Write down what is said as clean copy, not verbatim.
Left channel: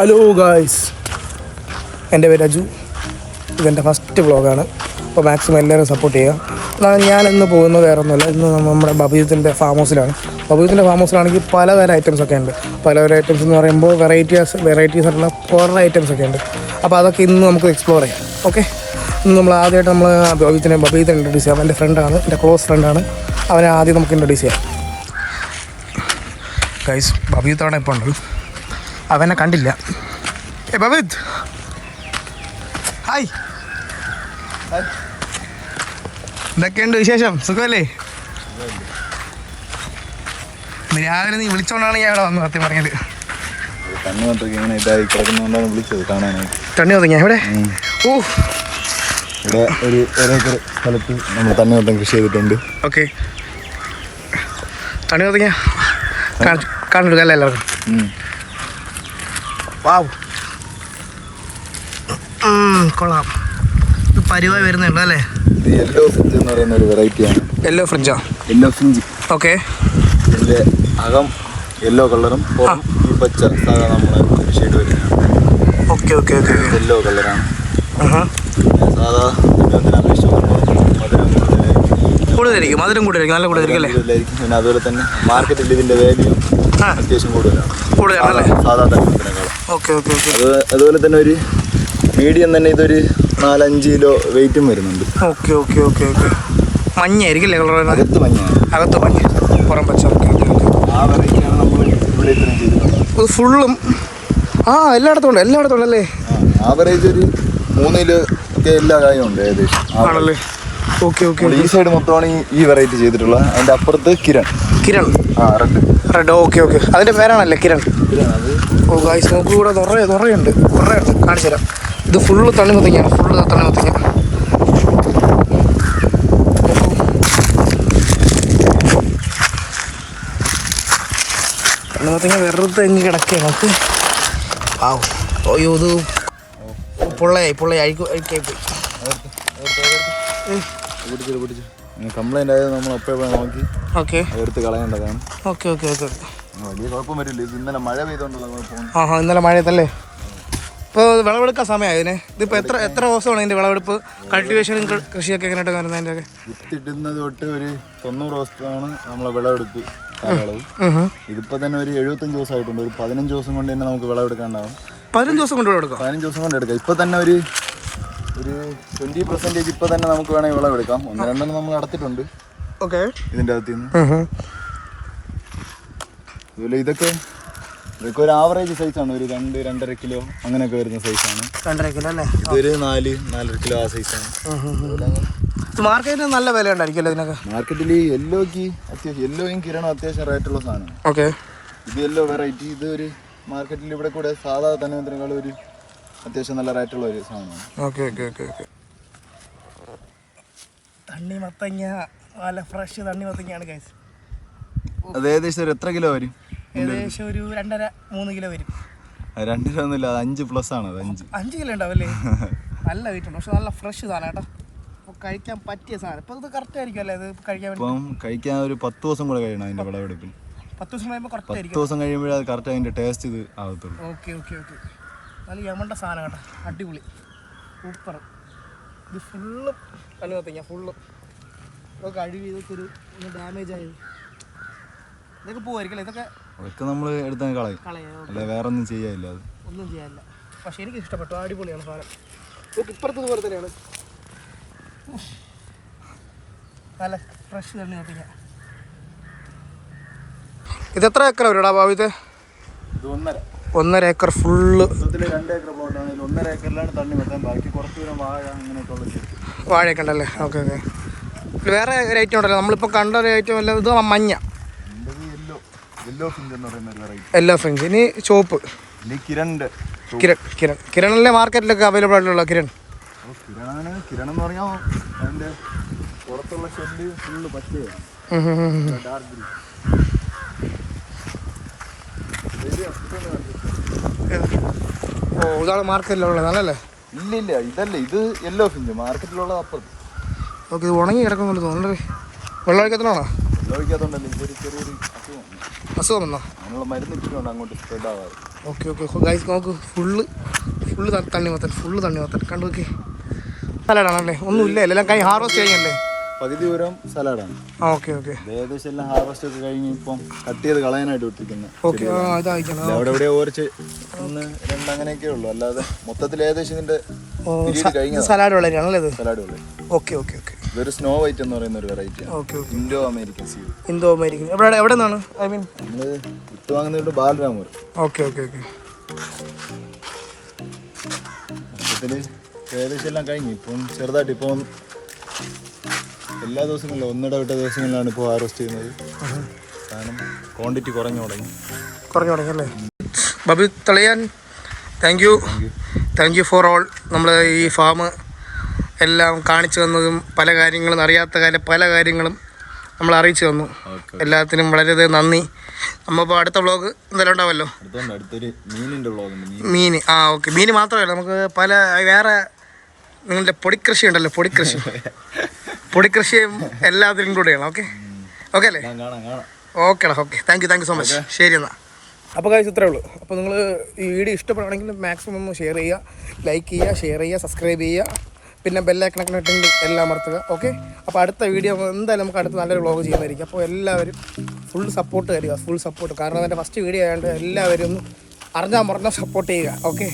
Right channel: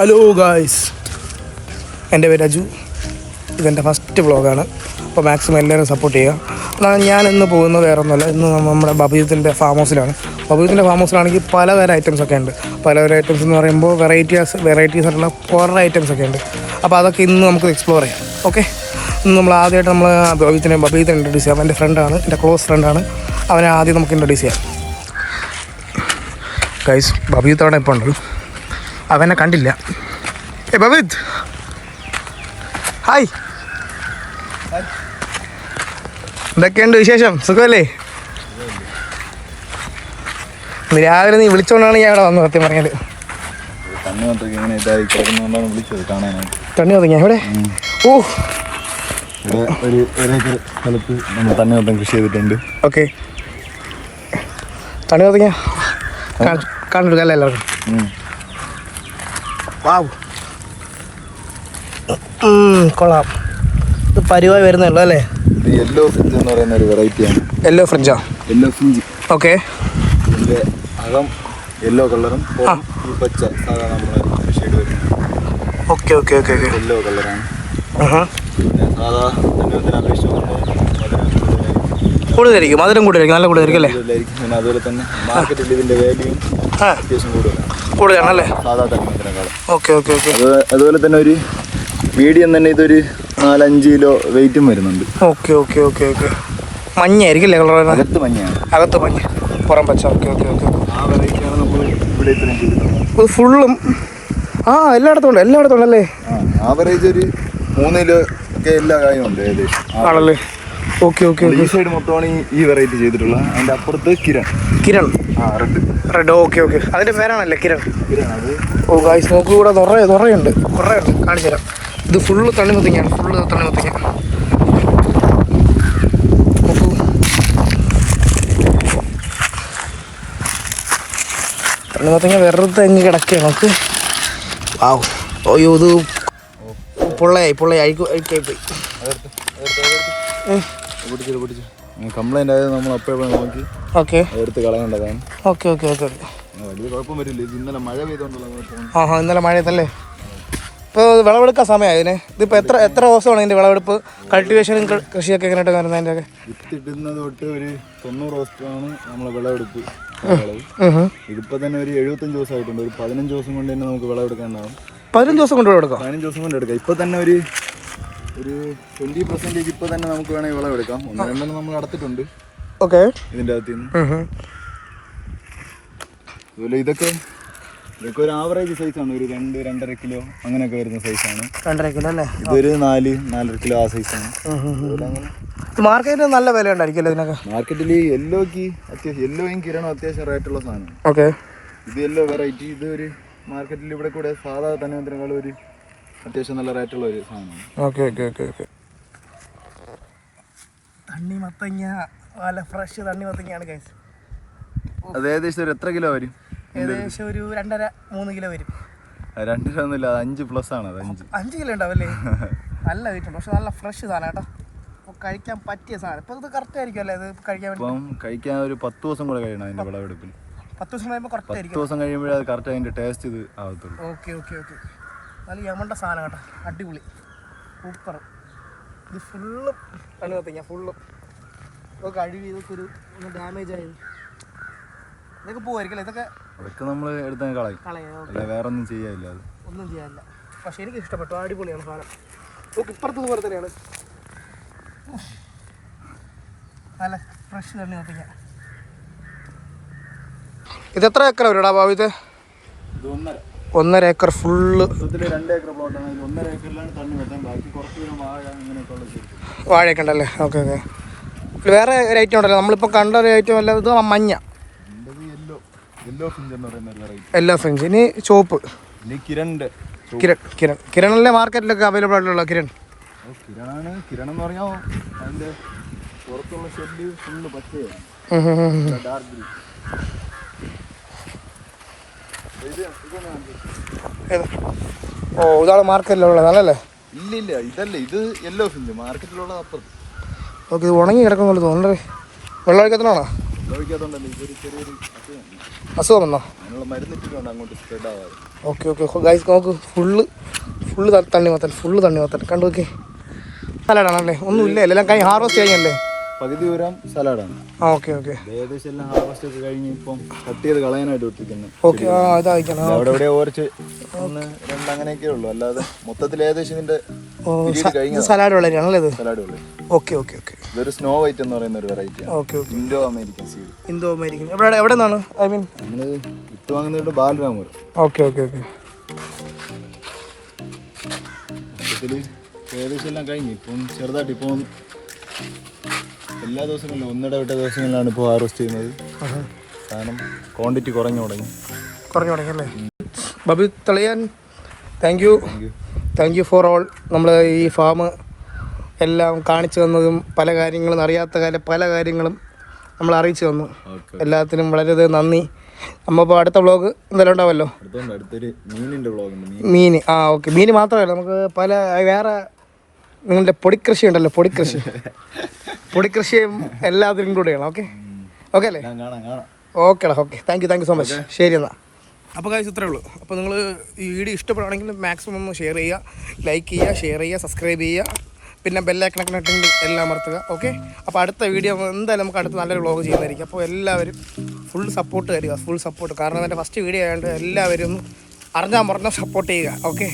Hello guys, എൻ്റെ പേര് അജു. ഇതെൻ്റെ ഫസ്റ്റ് വ്ളോഗാണ്. അപ്പോൾ മാക്സിമം എല്ലാവരും സപ്പോർട്ട് ചെയ്യുക. അതാണ് ഞാൻ ഇന്ന് പോകുന്നത് വേറെ ഒന്നുമല്ല. ഇന്ന് നമ്മുടെ ബബീത്തിൻ്റെ ഫാം ഹൗസിലാണ്. ബബീത്തിൻ്റെ ഫാം ഹൗസിലാണെങ്കിൽ പലതരം ഐറ്റംസ് ഒക്കെ ഉണ്ട്. പലതരം ഐറ്റംസ് എന്ന് പറയുമ്പോൾ വെറൈറ്റീസ് ആയിട്ടുള്ള കുറേ ഐറ്റംസ് ഒക്കെ ഉണ്ട്. അപ്പോൾ അതൊക്കെ ഇന്ന് നമുക്ക് എക്സ്പ്ലോർ ചെയ്യാം. ഓക്കെ, ഇന്ന് നമ്മൾ ആദ്യമായിട്ട് നമ്മൾ ബബീത്തിനെ ഇൻട്രൊഡ്യൂസ് ചെയ്യാം. എൻ്റെ ഫ്രണ്ടാണ്, എൻ്റെ ക്ലോസ് ഫ്രണ്ടാണ്. അവനെ ആദ്യം നമുക്ക് ഇൻട്രൊഡ്യൂസ് ചെയ്യാം. ഗൈസ്, ബബീത്തോടെ ഇപ്പോൾ ഉണ്ട്. അവനെ കണ്ടില്ല. ബബീത്, ഹായ്. എന്തൊക്കെയുണ്ട് വിശേഷം? സുഖമല്ലേ? രാവിലെ നീ വിളിച്ചോണ്ടാണ് ഞാൻ ഇവിടെ വന്നത്. സത്യം പറഞ്ഞാൽ തണ്ണി ഒതുങ്ങിയ ഇവിടെ. ഓ, ഇവിടെ ഒരു ഏക്കർ സ്ഥലത്ത് നമ്മൾ തണ്ണിമത്തം കൃഷി ചെയ്തിട്ടുണ്ട്. ഓക്കെ, തണ്ണി ഒതുങ്ങിയ കാണിച്ചെടുക്കാം എല്ലാവർക്കും. വാവ്, കൊള്ളാം. ഇത് പരിവായി വരുന്നുണ്ടോ അല്ലേ? ഇത് യെല്ലോ ഫ്രിഞ്ച് എന്ന് പറയുന്ന ഒരു വെറൈറ്റിയാണ്. യെല്ലോ ഫ്രിഞ്ചാ? Yellow fringe. ഓക്കെ. ഇതിൻ്റെ അകം യെല്ലോ കളറും ഈ പച്ച സാധാ നമ്മളെ ഷെയ്ഡ് വരുന്നതാണ്. Okay okay okay okay. Yellow കളറാണ്. സാധാ തണ്ണിമത്തനെ അപേക്ഷിച്ച് നോക്കുമ്പോൾ കൂടുതലായിരിക്കും, മധുരം കൂടുതലായിരിക്കും, നല്ല കൂടുതലായിരിക്കും അല്ലേ? പിന്നെ അതുപോലെ തന്നെ മാർക്കറ്റിൽ ഇതിൻ്റെ വാല്യൂ അത്യാവശ്യം കൂടുതലാണ് സാധാ തണ്ണിമത്തനേക്കാളും. Okay okay okay. അതുപോലെ തന്നെ ഒരു മീഡിയം തന്നെ ഇതൊരു 4-5 കിലോ വെയിറ്റും വരുന്നുണ്ട്. Okay okay okay okay. മഞ്ഞയായിരിക്കും അല്ലേ കളർ? അകത്ത് മഞ്ഞയാണ്. അകത്ത് മഞ്ഞ, പുറം പച്ച. Okay okay okay. ആ വെറൈറ്റിയാണ് നമ്മൾ ഇവിടെ ഇത്രയും ചെയ്തിട്ടുള്ളത്. ഇത് ഫുള്ളും എല്ലായിടത്തും ഉണ്ട് അല്ലേ? ആവറേജ് ഒരു 3 കിലോ ഒക്കെ എല്ലാ കായും ഉണ്ട് ഏകദേശം. ആണല്ലേ? Okay okay. ഈ സൈഡ് മൊത്തമാണ് ഈ വെറൈറ്റി ചെയ്തിട്ടുള്ളത്. അതിൻ്റെ അപ്പുറത്ത് കിരൺ. റെഡ്. Okay okay. അതിൻ്റെ പേരാണല്ലേ കിരൺ? അത്. ഓ ഗായ്സ്, നോക്കൂ, കൂടെ കുറേയുണ്ട്. കാണിച്ചു തരാം. ഇത് ഫുള്ള് തണ്ണിമത്തങ്ങയാണ്. തണ്ണിമത്തങ്ങ. തണ്ണിമത്തങ്ങ വെറുതെ എങ്ങ് കിടക്കുകയാണ്. നമുക്ക് ആവോ. അയ്യോ, ഇത് പൊള്ളയായി അഴിക്കായി പോയി. കംപ്ലൈന്റ് ആയത് നമ്മൾ അപ്പോഴേ നോക്കി എടുത്ത് കളയേണ്ടതാണ്. Okay okay okay. വലിയ കുഴപ്പം വരില്ല. ഇത് ഇന്നലെ മഴ പെയ്തോണ്ടുള്ള ഇന്നലെ മഴയത്തല്ലേ? ഇപ്പോൾ വിളവെടുക്കാൻ സമയമായി ഇതിന്. ഇതിപ്പോൾ എത്ര ദിവസമാണ് ഇതിൻ്റെ വിളവെടുപ്പ്? കൾട്ടിവേഷനും കൃഷിയൊക്കെ എങ്ങനെയായിട്ട് വരുന്നത്? അതിൻ്റെ ഒക്കെ വിത്തിടുന്നത് തൊട്ട് ഒരു 90 ദിവസമാണ് നമ്മളെ വിളവെടുപ്പ്. ഇതിപ്പോ തന്നെ ഒരു 75 ദിവസമായിട്ടുണ്ട്. ഒരു 15 ദിവസം കൊണ്ട് തന്നെ നമുക്ക് വിളവെടുക്കാണ്ടാവും. 15 ദിവസം കൊണ്ട് വിളവെടുക്കാം? 15 ദിവസം കൊണ്ട് എടുക്കാം. ഇപ്പൊ തന്നെ ഒരു 20% ഇപ്പൊ തന്നെ നമുക്ക് വേണമെങ്കിൽ വിളവെടുക്കാം. 1-2 നമ്മൾ നടത്തിയിട്ടുണ്ട്. ഓക്കെ. ഇതിൻ്റെ അകത്ത് നിന്ന് അതുപോലെ ഇതൊക്കെ ഒരു ആവറേജ് സൈസാണ്. ഒരു 2-2.5 കിലോ അങ്ങനെയൊക്കെ വരുന്ന സൈസാണ്. 2.5 കിലോ അല്ലേ? ഇതൊരു 4-4.5 കിലോ ആ സൈസാണ്. മാർക്കറ്റിൽ നല്ല വില ഉണ്ടായിരിക്കും ഇതിനൊക്കെ. മാർക്കറ്റിൽ യെല്ലോക്ക് അത്യാവശ്യം, യെല്ലോയും കിരണും അത്യാവശ്യം റേറ്റുള്ള സാധനമാണ്. ഓക്കെ. ഇത് യെല്ലോ വെറൈറ്റി. ഇത് ഒരു മാർക്കറ്റിൽ ഇവിടെ കൂടെ സാധാ തണ്ണിമത്തനേക്കാളും ഒരു അത്യാവശ്യം നല്ല റേറ്റുള്ള ഒരു സാധനമാണ്. Okay okay okay okay. തണ്ണിമത്തങ്ങ നല്ല ഫ്രഷ് തണ്ണിമത്തങ്ങയാണ് ഗൈസ്. അത് ഏകദേശം ഒരു എത്ര കിലോ വരും? ഏകദേശം ഒരു 2.5-3 കിലോ വരും. 2 കിലോ ഒന്നുമില്ല, അത് 5+ ആണ്. 5 കിലോ ഉണ്ടാവല്ലേ? നല്ല വെയിറ്റ് ഉണ്ട്, പക്ഷെ നല്ല ഫ്രഷ് സാധനം കേട്ടോ. അപ്പോൾ കഴിക്കാൻ പറ്റിയ സാധനം. ഇപ്പോൾ ഇത് കറക്റ്റ് ആയിരിക്കും അല്ലേ? ഇത് കഴിക്കാൻ കഴിക്കാൻ ഒരു 10 ദിവസം കൂടെ കഴിയണം അതിൻ്റെ വിളവെടുപ്പിൽ. 10 ദിവസം കഴിയുമ്പോൾ കറക്റ്റ് ആയിരിക്കും. 10 ദിവസം കഴിയുമ്പോഴേ അത് കറക്റ്റ് അതിൻ്റെ ടേസ്റ്റ് ഇത് ആവത്തുള്ളൂ. Okay okay okay. നല്ല യമണ്ട സാധനം കേട്ടോ, അടിപൊളി, സൂപ്പർ. ഇത് ഫുള്ളും തണ്ണിമത്തങ്ങ, ഫുള്ളും. ഇതൊക്കെ അഴിവ്, ഇതൊക്കെ ഒരു ഡാമേജ് ആയത്. ഇതൊക്കെ പോവായിരിക്കും. ഇതൊക്കെ നമ്മൾ എടുത്തങ്ങ് കളയാം. വേറെ ഒന്നും ചെയ്യാനില്ല. അത് ഒന്നും ചെയ്യാനില്ല. പക്ഷെ എനിക്ക് ഇഷ്ടപ്പെട്ടു, അടിപൊളിയാണ് സാധനം. നമുക്ക് ഇപ്പുറത്ത് പോലെ തന്നെയാണ്. നല്ല ഫ്രഷ് തണ്ണിമത്തങ്ങ. ഇത് എത്ര ഏക്കർ വരും ഭാവിത്തെ? ഇത് 1.5. 1.5 ഏക്കർ ഫുള്ള്. 2 ഏക്കർ പ്ലോട്ടാണ്. 1.5 ഏക്കറിലാണ് തണ്ണിമത്തൻ. ബാക്കി കുറച്ച് വാഴ അങ്ങനെയൊക്കെ ഉള്ളത്. വാഴയൊക്കെ ഉണ്ടല്ലേ? Okay okay. വേറെ ഒരു ഐറ്റം ഉണ്ടല്ലോ നമ്മളിപ്പോൾ കണ്ട ഒരു ഐറ്റം അല്ല? ഇത് മഞ്ഞ യെല്ലോ ഫ്രിഞ്ച് എന്ന് പറയുന്ന ഒരു വെറൈറ്റി. Yellow fringe. ഇനി ചുവപ്പ്. കിരണല്ലേ മാർക്കറ്റിലൊക്കെ അവൈലബിൾ ആയിട്ടുള്ള കിരൺ? കിരൺ എന്ന് പറഞ്ഞാൽ അതിൻ്റെ പുറത്തുള്ള ഷെഡ് ഫുള്ള് പച്ചയാണ്. ഓ, ഇതാണ് മാർക്കറ്റിലുള്ളത് അല്ലല്ലേ? ഇല്ല, ഇതല്ല. ഇത് യെല്ലോ ഫ്രിഞ്ച് മാർക്കറ്റിലുള്ള അപ്പുറത്ത്. ഓക്കെ. ഇത് ഉണങ്ങി കിടക്കുന്ന പോലെ തോന്നുന്നുണ്ട്. വെള്ളം ഒഴിക്കത്തിനാണോ? വെള്ളം ഒഴിക്കാത്തോണ്ടല്ലേ. ഇതൊരു ചെറിയൊരു അസുഖം വന്നോ? നമ്മൾ മരുന്നിട്ടിട്ടുണ്ട് അങ്ങോട്ട് സ്പ്രെഡ് ആവാറ്. ഓക്കെ ഗൈസ് നോക്ക്, ഫുള്ള് തണ്ണിമത്തൻ കണ്ടു നോക്കി. സലാഡാണല്ലേ? ഒന്നുമില്ല, എല്ലാം കഴിഞ്ഞ് ഹാർവെസ്റ്റ് കഴിഞ്ഞല്ലേ? പകുതി ദൂരം സലാഡാണ്. ഓക്കെ ഏകദേശം എല്ലാം ഹാർവെസ്റ്റ് ഒക്കെ കഴിഞ്ഞ് ഇപ്പം കട്ട് ചെയ്ത് കളയാനായിട്ട് ഒത്തിക്കുന്നത്. ഓക്കെ ഇതായിക്കണം. അവിടെ ഇവിടെ ഓരച്ച് 1, 2 അങ്ങനെയൊക്കെ ഉള്ളൂ. അല്ലാതെ മൊത്തത്തിൽ ഏകദേശം ഇതിന്റെ സലാഡ് വളരെയാണല്ലേ ഇത്? സലാഡ് ഉള്ളൂ. ഓക്കെ ഇതൊരു സ്നോ വൈറ്റ് എന്ന് പറയുന്ന ഒരു variety. Okay Indo American seed. എവിടെ നിന്നാണ്? ഐ മീൻ നമ്മള് വിത്ത് വാങ്ങുന്നതുകൊണ്ട് ബാൽറാമൂർ. ഓക്കെ മൊത്തത്തില് ഏകദേശം എല്ലാം കഴിഞ്ഞു. ഇപ്പം ചെറുതായിട്ട് ഇപ്പം എല്ലാ ദിവസങ്ങളിലും ഒന്നിടവിട്ട ദിവസങ്ങളിലാണ് ഇപ്പോൾ ഹാർവെസ്റ്റ് ചെയ്യുന്നത്. കാരണം ക്വാണ്ടിറ്റി കുറഞ്ഞു തുടങ്ങി അല്ലേ? Bobby തളിയാൻ thank you for all. നമ്മൾ ഈ ഫാം എല്ലാം കാണിച്ചു തന്നതും പല കാര്യങ്ങളും അറിയാത്ത പല കാര്യങ്ങളും നമ്മൾ അറിയിച്ചു തന്നു. എല്ലാത്തിനും വളരെയധികം നന്ദി. നമ്മളിപ്പോൾ അടുത്ത വ്ളോഗ് എന്തായാലും ഉണ്ടാവുമല്ലോ. അടുത്തൊരു മീനിൻ്റെ വ്ളോഗ്. മീൻ ഓക്കെ. മീൻ മാത്രമല്ല, നമുക്ക് പല വേറെ നിങ്ങളുടെ പൊടിക്കൃഷി ഉണ്ടല്ലോ, പൊടിക്കൃഷിയും എല്ലാത്തിനും ഇൻക്ലൂഡ് ചെയ്യണം. ഓക്കെ അല്ലേ? ഓക്കേടാ. Thank you so much. ശരി എന്നാൽ. അപ്പോൾ കാര്യം ഇത്രയേ ഉള്ളൂ. അപ്പോൾ നിങ്ങൾ ഈ വീഡിയോ ഇഷ്ടപ്പെടുകയാണെങ്കിൽ മാക്സിമം ഒന്ന് ഷെയർ ചെയ്യുക, ലൈക്ക് ചെയ്യുക, ഷെയർ ചെയ്യുക, സബ്സ്ക്രൈബ് ചെയ്യുക, പിന്നെ ബെല്ലൈക്കണൊക്കെ ഇട്ടെങ്കിൽ എല്ലാം അമർത്തുക. ഓക്കെ. അപ്പോൾ അടുത്ത വീഡിയോ എന്തായാലും നമുക്ക് അടുത്ത നല്ലൊരു വ്ളോഗ് ചെയ്യുന്നതായിരിക്കും. അപ്പോൾ എല്ലാവരും ഫുൾ സപ്പോർട്ട് തരിക, കാരണം എൻ്റെ ഫസ്റ്റ് വീഡിയോ ആയതുകൊണ്ട് എല്ലാവരും അറിഞ്ഞാൽ സപ്പോർട്ട് ചെയ്യുക. ഓക്കെ.